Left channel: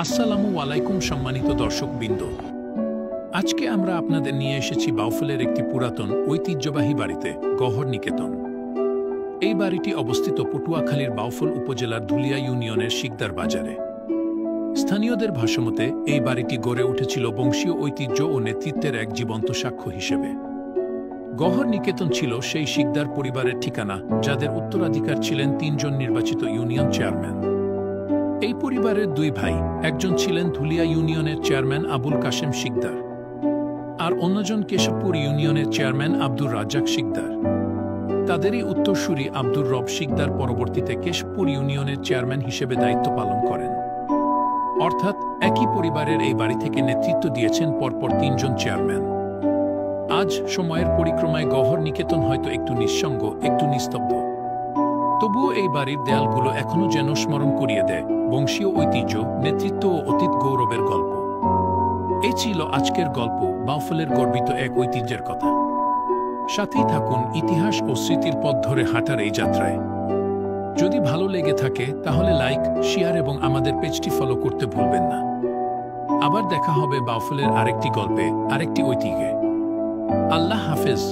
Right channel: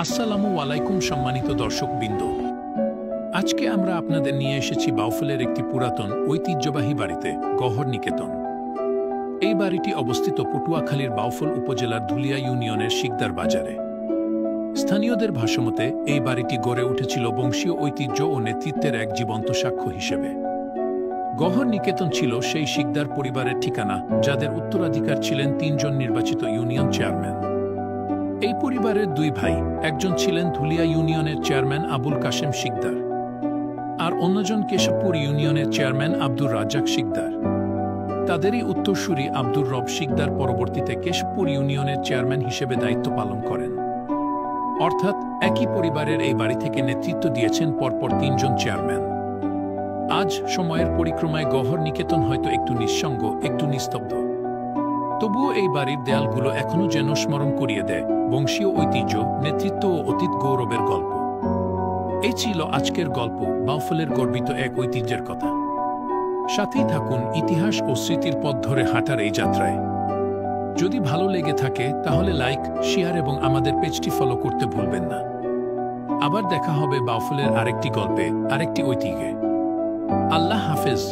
আসসালামু আলাইকুম সম্মানিত দর্শকবৃন্দ। আজকে আমরা আপনাদের নিয়ে এসেছি বাউফলের একটি পুরাতন ঐতিহ্যবাহী বাড়িতে, গহর নিকেতন। এই বাড়িটি অবস্থিত পটুয়াখালীর বাউফল উপজেলার ধুলিয়া ইউনিয়নের শিকদার বাজারে। স্থানীয়দের ভাষ্যমতে এই বাড়িটি গড়ে উঠেছিল বংশীয় ঐতিহ্য ও নেতৃত্বের এক জীবন্ত সাক্ষ্য হিসেবে। গহর নিকেতন ছিল সেই শিকদার পরিবারের ঠিকানা, যাদের উত্তরাধিকার ছিলেন ৩ জন নির্বাচিত ইউনিয়ন চেয়ারম্যান। এই পরিবারের ২ ভাই, একজন ছিলেন ধুলিয়া ইউনিয়নের চেয়ারম্যান আবুল কাশেম শিকদার, আর অন্যজন কেশবপুর ইউনিয়নের চেয়ারম্যান আব্দুর রাজ্জাক শিকদার। তাদেরই উত্তরসূরি আব্দুর রব শিকদার পরবর্তীতে কেশবপুর ইউনিয়নের চেয়ারম্যান হিসেবে দায়িত্ব পালন করেন। অর্থাৎ একই পরিবারের এই বাড়ি থেকে নেতৃত্ব দিয়েছেন পরপর ৩ জন চেয়ারম্যান। আজ সময়ের পরিক্রমায় গহর নিকেতন হয়তো একটু নিঃসঙ্গ, একটু নিস্তব্ধ, তবুও এই বাড়ির দেয়ালগুলো এখনো যেন স্মরণ করিয়ে দেয় বংশীয় ঐতিহ্য, নেতৃত্ব ও অতীত গৌরবের গল্প। এই ছিল আজকের গল্প, বাউফলের গর্বিত এক ঐতিহ্যের কথা। সাথেই থাকুন ইতিহাস ও স্মৃতির পথ ধরে হাঁটার এই যাত্রায়। যদি ভালো লেগে থাকে তাহলে লাইক, শেয়ার এবং আমাদের পেজটি ফলো করতে ভুলবেন না। আবার দেখা হবে বাউফলের আরেকটি গল্পে, আরেকটি ঐতিহ্যে। আল্লাহ হাফেজ।